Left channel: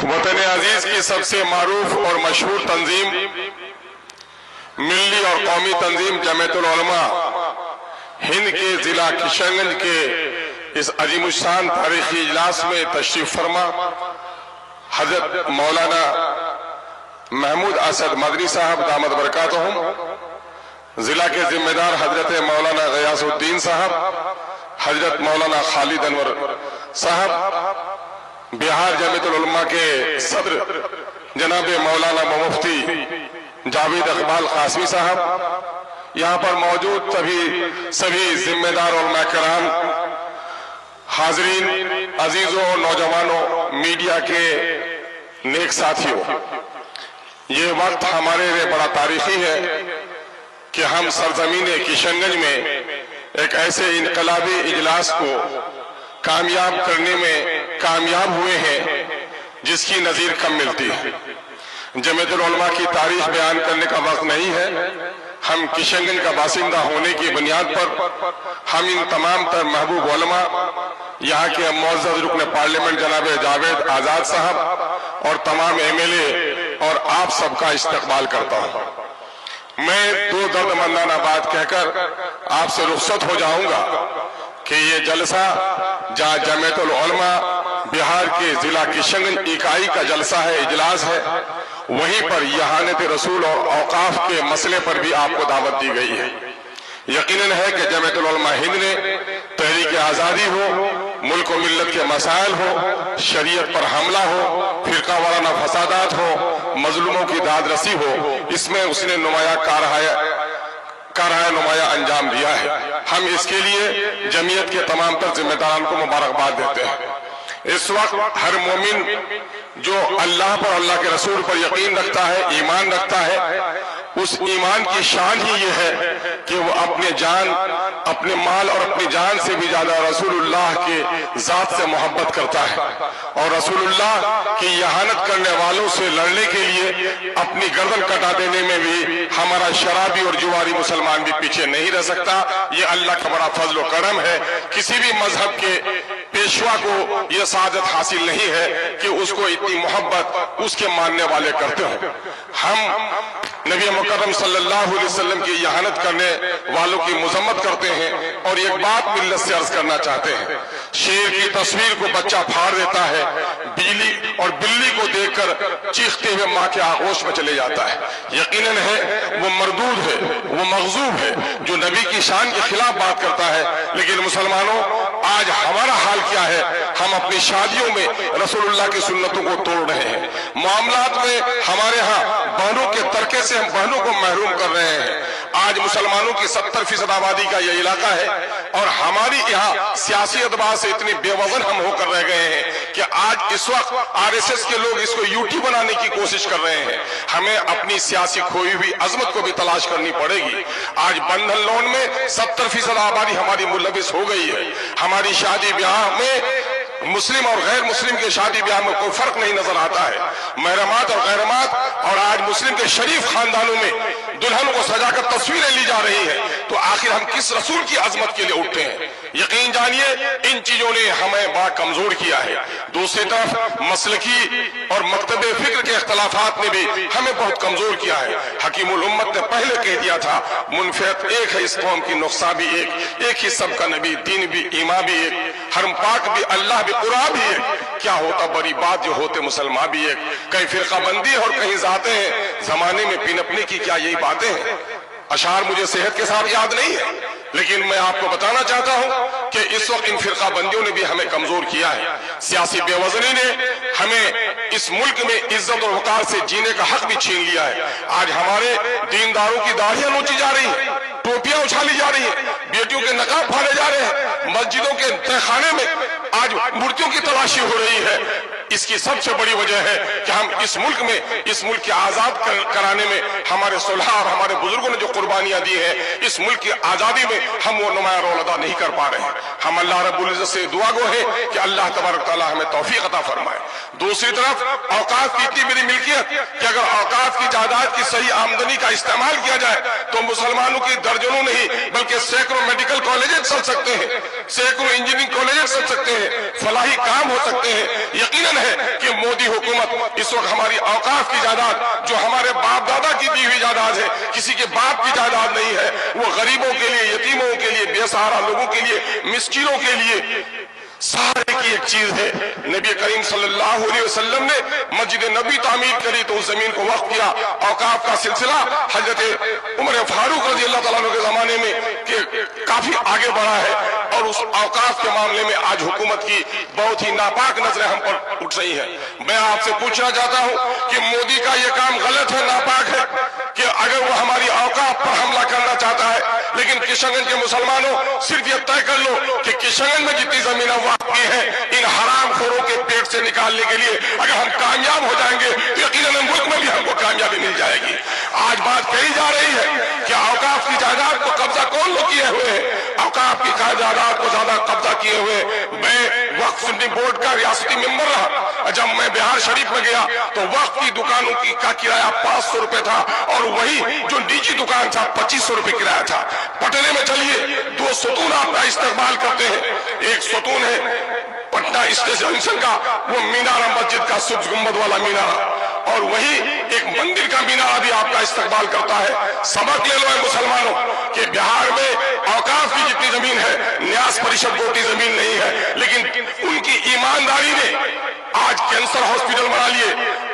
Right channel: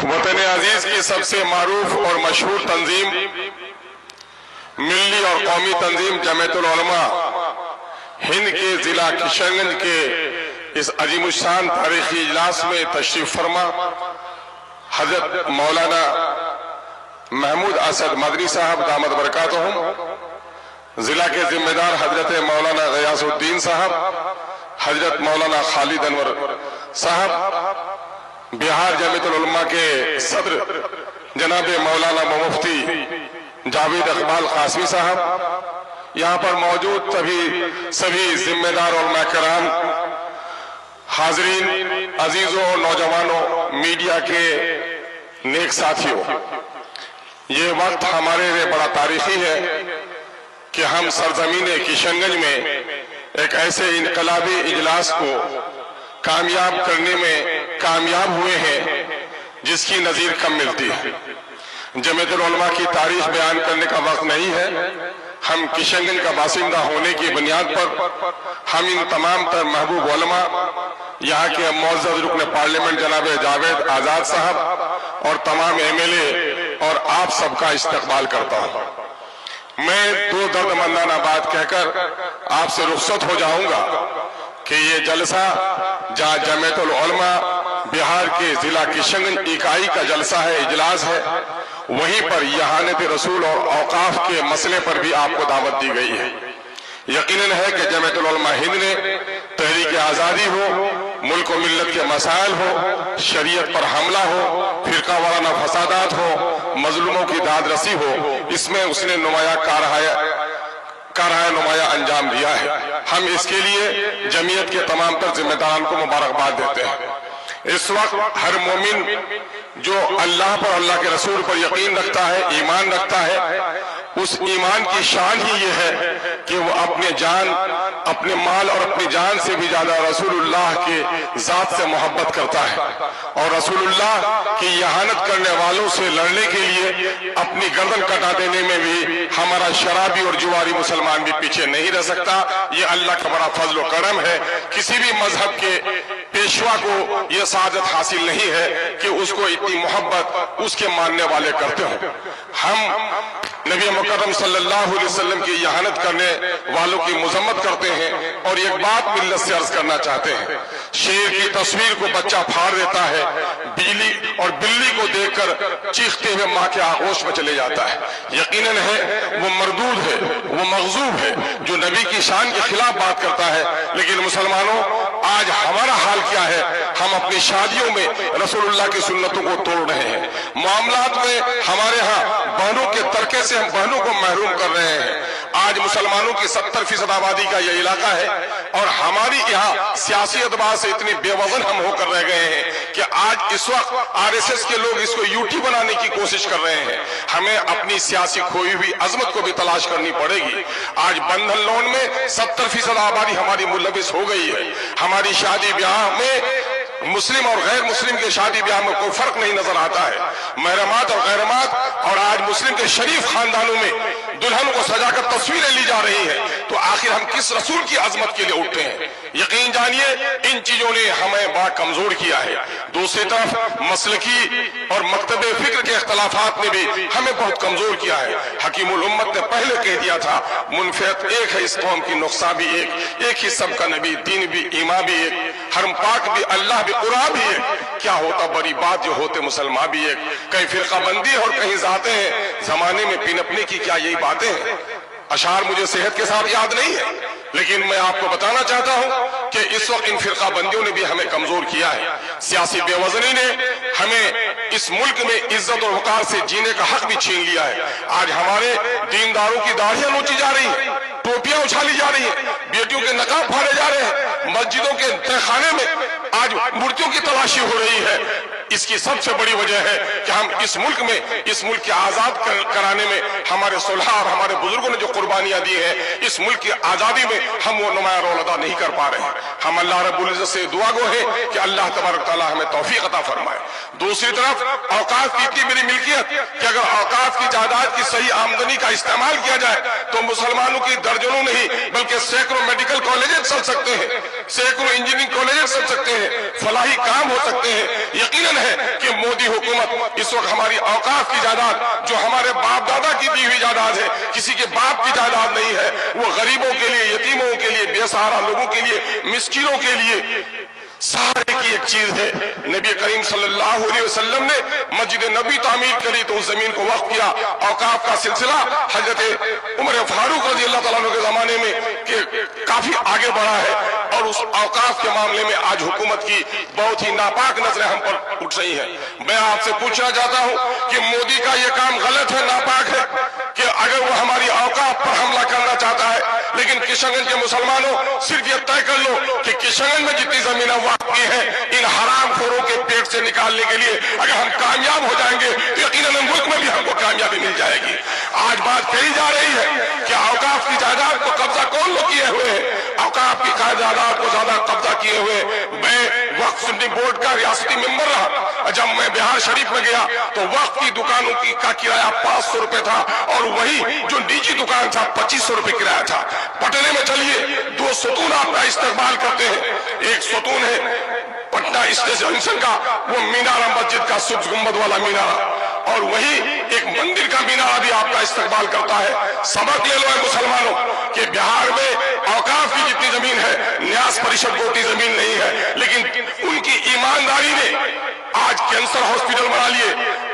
वतन अजीज की सबसे मारूफ और मशहूर तंजीम मिल्ली और कौमी तंजीम जमीयतुल उलमा हिंद के जिला किशनगंज के इस अजीमुशान तारीखी इजलास में तशरीफ फरमा हजरत मौलाना महमूद असद मदनी साहब दामद बरकातहुम, जिला के जिम्मेदार हजरत मौलाना गयासुद्दीन साहब, हजरत मौलाना खालिद अनवर साहब, बिहार जमीयतुल उलमा के सदर जनाब मौलाना मुफ्ती जावेद इकबाल कासमी साहब, यहाँ पर मौजूद सभी जिम्मेदार उलमा कराम, हाजरीन, अजीजों, नौजवानों, मीडिया के नेक साथियों, ये वक्त हमारे लिए बड़ा तारीखी है कि हम सरजमीन किशनगंज में एक ऐसे इनकलाबी इजलास को कामयाब करने में कामयाब हुए हैं जिसकी नजीर कम मिलती है। जमीयतुल उलमा की तारीख बयान करने का वक्त नहीं है। हम किशनगंज का बासिंदा होने की बुनियाद पर हम इन तमाम तर महबूब उलमा, यहाँ के मुअज़्ज़ज़ रुकन पार्लियामेंट जनाब जावेद आजाद साहब और तमाम MLA और आप सबका इस्तकबाल करता हूँ। मैं दो दर्दमंदाना बात कहकर आपसे रुखसत हो जाऊंगा कि ये जलसा जहाँ जमीयतुल उलमा बिहार के जिला किशनगंज इकाई का जलसा है, इजलास है, वहीं पर यहानत रसूल और औकाफ के मसले पर भी आपको दावत दी गई है। यकीनन है कि जमीयतुल उलमा हिंद ने तहरीक आज़ादी हो, मुल्क और मिल्लत के मसाइल हो, शरीयत पर हमला हो, फिरका वाराना फसादात हो, मजलूमों की दाद रसी हो, इसमें उसने नुमाया नुमाया अंजाम दिया है। हम इसके लिए जमीयत के तमाम तर जिम्मेदारान को मुबारकबाद देते हैं। इस वक्त हर मोमिन जो अल्लाह पर, अल्लाह के रसूल पर यकीन रखता है, ईमान रखता है, उस ईमान की शान ही ये है कि वो अपने जान, अपने माल और अपनी जान से भी ज्यादा रसूलुल्लाह के जात से मोहब्बत करता है और रसूलुल्लाह की यहानत करने वालों से लड़ने के लिए अपनी गर्दन कटा देने में भी हमारा शराबी और जुआरी मुसलमान भी पीछे नहीं रह सकता। ये अल्लाह का बड़ा फजल व करम है। किसी भी मजहब के पेशवा को यह सादत हासिल नहीं है कि उसको इतनी मोहब्बत उसके मानने वाले करते हो। हम नबी मुकर्रम सल्लल्लाहु अलैहि वसल्लम की यहानत करने वालों की मुजम्मत करते हैं और एक बात मिल्लत से अर्ज करना चाहते हैं। शेर की तस्वीर को बच्चा फाड़ देता है, बिल्ली को देखकर चीखते हुए माँ के आगोश में चले जाता है। यकीनन है वो मरदूद है, वो मगजूब है जो नबी की शान के खिलाफ बात करता है। लेकिन मुसलमानों, आज हमारा हाल क्या है? हम अपनी शादियों में रसूलुल्लाह की सुन्नतों को तोड़ रहे हैं। मामलात में हमारे यहाँ बहनों के तरके से हम बहनों को महरूम कर रहे हैं। आज मुसलमानों की 70% आबादी का यह इलाका है और हमारी यहाँ सियासी एतबार से इतने बेवजन हम होकर रह गए हैं कि आज इस वक्त RSS के लोग इसको यूटी बनाने की कोशिश कर रहे हैं। हमें अपनी सियासी खोई हुई अजमत को भी तलाश करनी पड़ेगी। आज बंधन लोन में 70% आबादी हमारी मुलविस हो गई है। हमारी शादी ब्याह में मुस्लिम और गैर मुस्लिम के शादी ब्याह में कोई फर्क नहीं नजर आता है। महरमात और गैरमात, और आज मुस्लिम के शरीफ खानदानों में दुल्हन को सजाकर तस्वीरें ली जा रही हैं। तो आखिर हम किस रसूल की अजमत के लिए उठते हैं? यकीन जानिए इन चीजों ने हमें बड़ा कमजोर किया है। दूसरी तरफ मसलकी और मकतबे फिक्र के इख्तलाफात ने भी हमें बहुत कमजोर किया है। हकीमुल उम्मत ने पहले कह दिया था, मुनफियत एक है इस कौम की, नुक्सा भी एक ही सबका नबी, दीन भी, ईमा भी एक, हरम पाक भी, अल्लाह भी, कुरान भी एक। क्या होता बड़ी बात जो होते मुसलमान भी एक। कहीं फिरका बंदी और कहीं जाते हैं, जमाने में पिनपने की क्या यही बातें हैं? अशार मुझे सेहत के साथ याद नहीं है, लेकिन मैं आपको बताना चाहता हूं कि इस वक्त इन फिरका बंदियों ने भी हमें कमजोर किया है। सियासी बेवजनी ने हमें इस मुल्क में इज्जत और वकार से जीने का हक भी छीन लिया है। आज हमारे दीनदारों की दाढ़ियां नोची जा रही है, टोपियां उछाली जा रही है, बेटियों के नकाब फाड़े जा रहे हैं, मस्जिदों के तहखाने में आज मूर्तियों की तलाशी हो रही है। इसकी सबसे बड़ी वजह है कि हम इस मुल्क के आजाद कराने में हमारे सुलह और हमारे बुजुर्गों ने जो कुर्बानियां दी है, इस मुल्क की आजादी में हम वो नुमाया रोल अदा नहीं कर पा रहे हैं। हम अल्लाह रब्बुल इज्जत से दुआ गो है कि अल्लाह तबारक तआला हमें तौफीक अता फरमाए। दूसरी तरफ औकाफ की इतनी बड़ी मिल्कियत कि अगर औकाफ की जायदाद की सही आमदनी का इस्तेमाल किया जाए तो मुसलमानों की दर्जनों नहीं बल्कि सैकड़ों मेडिकल कॉलेजेस चल सकते हैं, सैकड़ों इंजीनियरिंग कॉलेजेस चल सकते हैं, फलाही काम हो सकते हैं। यकीनन है कि मोदी हुकूमत इस वक्त हमारी औकाफ की जायदाद, जो हमारे बाप दादा की दी हुई जायदाद है, किसी के बाप की जायदाद नहीं है, वो गरीबों के लिए, यतीमों के लिए, बेसहारा लोगों के लिए, मिस्किनों के लिए सहारे की एक चीज है। नबी करीम सल्लल्लाहु अलैहि वसल्लम ने मस्जिद नबी तामीर करी तो उस जमीन को वक्फ किया। औकाफ का सिलसिला हजरत उमर फारूक रजी अल्लाह तआला अन्हु के जमाने में के काफी आगे बढ़ा है और उस औकाफ के मामले में आज हुकूमत की बहुत ही नापाक नजरें हम पर उठ रही है। मैं आपसे पूछना चाहता हूं कि मोदी का यह काम गलत है, नापाक है कि अगर वो हमारी औकाफ पर हमला करना चाहता है, लेकिन किशनगंज के मुसलमानों सिर्फ ये तय कर लो कि किशनगंज में जितनी जमीन वाक़ई है इन हरामखोरों के पेट से निकालने के लिए अगर हम कामयाब हो जाएंगे तो यकीनन मुल्क में भी हमको कामयाबी मिल जाएगी। आज बात कही जा रही है कि औकाफ की जायदाद को कब्जा कौन लोग किए हुए हैं, औकाफ की जायदाद को ज्यादा कब्जा किए हुए। मैं वक्फ सुन्नी बोर्ड का रियासती मेंबर रहा, जब मैं बिहार शरीफ में गया तो वक्फ की दुकानों की का किराया 500 रुपए था और वही जो निजी दुकान था 2500 रुपए किराया था। पटने में चलिए, 2 सतून आपका इस्तेमाल करते हैं। एक सतून है पटना स्टेशन का, वो मीनारा मस्जिद का सुब्ज गुंबद वाला मीनारा, और वही एक मंदिर का मीनारा भी आपका इस्तेमाल करता है। सबक ले लो मुसलमानों कि बिहार में औकाफ की जितनी जमीन है न्यास परिषद को उतनी जमीन नहीं है, लेकिन उनकी ईमानदारी ने आज कैंसर हॉस्पिटल बना लिए,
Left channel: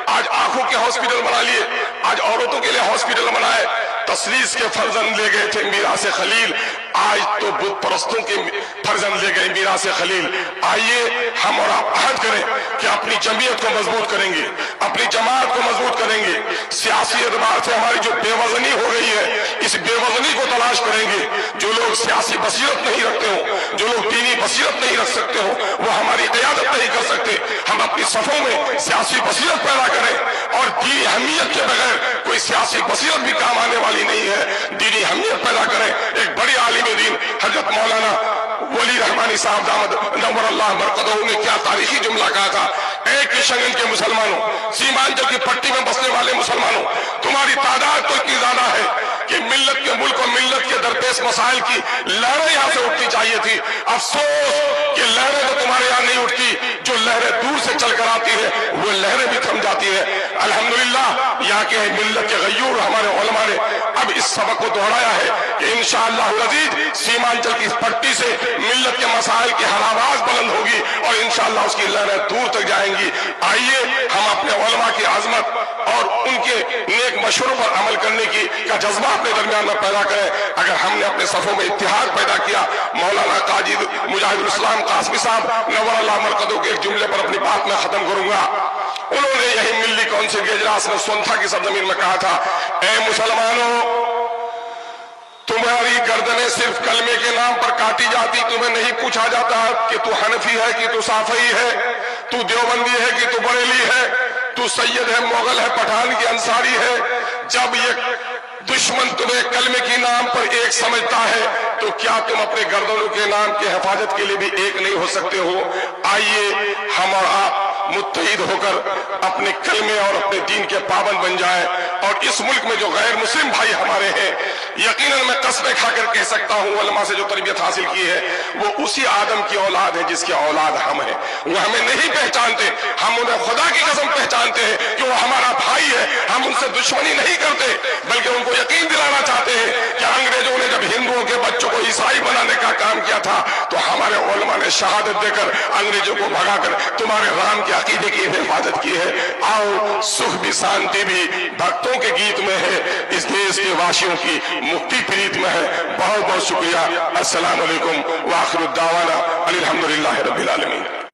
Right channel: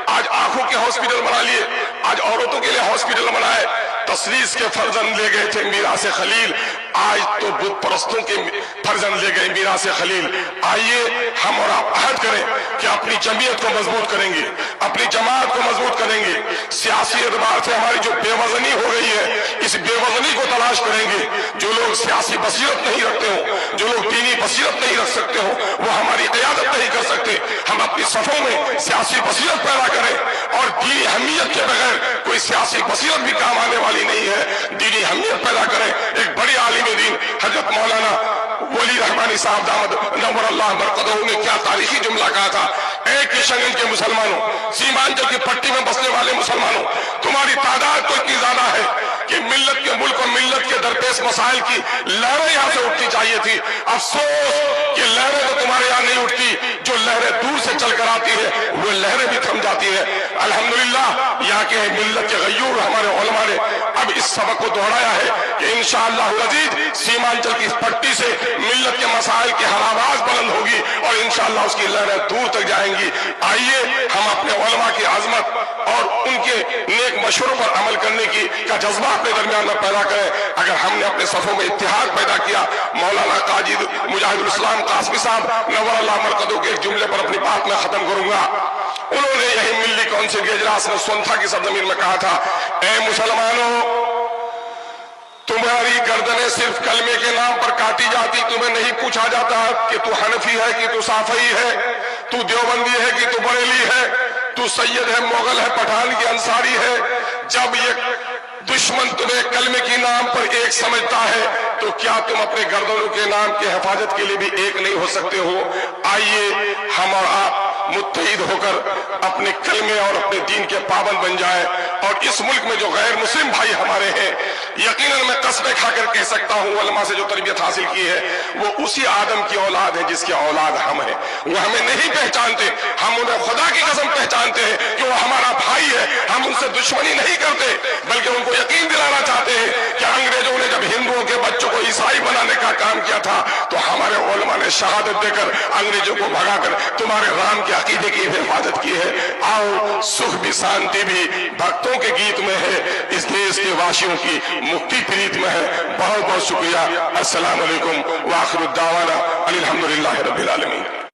आज आंखों के हॉस्पिटल बना लिए, आज औरतों के लिए हॉस्पिटल बनाए। तसलीस के फर्जंद ले गए थे मीरास खलील, आज तो बुत परस्तों के फर्जंद ले गए मीरास खलील। आइए हम और आप अहद करें कि अपनी जमीयत को मजबूत करेंगे, अपनी जमात को मजबूत करेंगे। सियासी एतबार से हमारी जो बेवजनी हो गई है, इस बेवजनी को तलाश करेंगे। जो लोग सियासी बसीरत नहीं रखते हो, जो लोग दीनी बसीरत नहीं रख सकते हो, वो हमारी क़यादत नहीं कर सकते। हम अपनी सफों में सियासी बसीरत पैदा करें और दीनी अहमियत के बगैर कोई सियासी बसीरत भी काम आने वाली नहीं है। दीनी अहमियत पैदा करें। एक बड़ी आलिम दीन हजरत मौलाना वली रहमानी साहब दामद नव्वर अल्लाह बरकतहू ने क्या तारीखी जुमला कहा था, एक किशनगंज के मुसलमानों, सीमांचल की पट्टी में बसने वाले मुसलमानों, तुम्हारी तादाद तो इतनी ज्यादा है कि मिल्लत के मुल्क और मिल्लत के दरपेश मसाइल की लहरें यहाँ से उठनी चाहिए थी। अफसोस कि लहरें तो तुम्हारे यहाँ नहीं उठती, जो लहरें दूर से चलकर आती है वो लहरें भी थम जाती है। अल्हम्दुलिल्लाह यहाँ के मिल्लत के गयूर हमारे उलमा ने अब इस सबक को दोहराया है कि इंशाअल्लाह अज़ीज़ सीमांचल की पट्टी से मिल्लत के मसाइल की हर आवाज बुलंद होगी और इंशाअल्लाह उसकी लहरें दूर तक जाएंगी। आइए हम अपने उलमा की आजमत और उनके नेक मशवरों पर अमल करने की का जज्बा अपने दरमियान में पैदा करें। अगर हमने अपने सफों में इत्तिहाद पैदा किया, मौलाना काजी मुजाहिदुल इस्लाम कासमी साहब नव्वर अल्लाह मरकदहू के एक जुमले पर अपनी बात में खत्म करूंगा। उन्होंने यही मिल्ली काउंसिल के इजलास में सोनथा की सरजमीन में कहा था, ए मुसलमानों, तुम्हारी गर्दनें सिर्फ कलमे के नाम पर काटी जाती, तुम्हें नहीं पूछा जाता कि तू हनफी है कि तू साफई है, तू देवबंदी है कि तू बरेली है, तू सैयद है, मोगल है, पठान की अंसारी है। जब ये दुश्मन तुम्हें कलमे के नाम पर एक समझता है तो क्या तुम अपने गर्दनों के नाम की हिफाजत के लिए भी एक नहीं हो सकते हो? आइए हम और आप मुत्तहिद होकर अपने कलमे और अपने दीन के पाबंद बन जाए। और इस मुल्क में जो गैर मुस्लिम भाई हमारे हैं, यकीनन मैं कसमें खाकर कह सकता हूँ, उलमा से जो तरबियत हासिल की है वो उसी आदम की औलाद है जिसकी औलाद हम हैं। वो हमें नहीं पहचानते, हम उन्हें खुदा की कसम पहचानते हैं कि वो हमारा भाई है। हम उनसे दुश्मनी नहीं करते, बल्कि उनको यकीन दिलाना चाहते हैं कि अंग्रेजों ने जब हिंदुओं के बच्चों को ईसाई बनाने का काम किया था तो हमारे उलमा ने शहादत देकर अंग्रेजों को भगाकर तुम्हारे राम के अकीदे की हिफाजत की है। आओ, सुख भी शांति भी भक्तों के गीत में है, इस देश के वासियों की मुक्ति प्रीत में है। बहुत बहुत शुक्रिया। अस्सलाम वालेकुम व आखिर दावाना अनिल हम्दुलिल्लाहि रब्बिल आलमीन।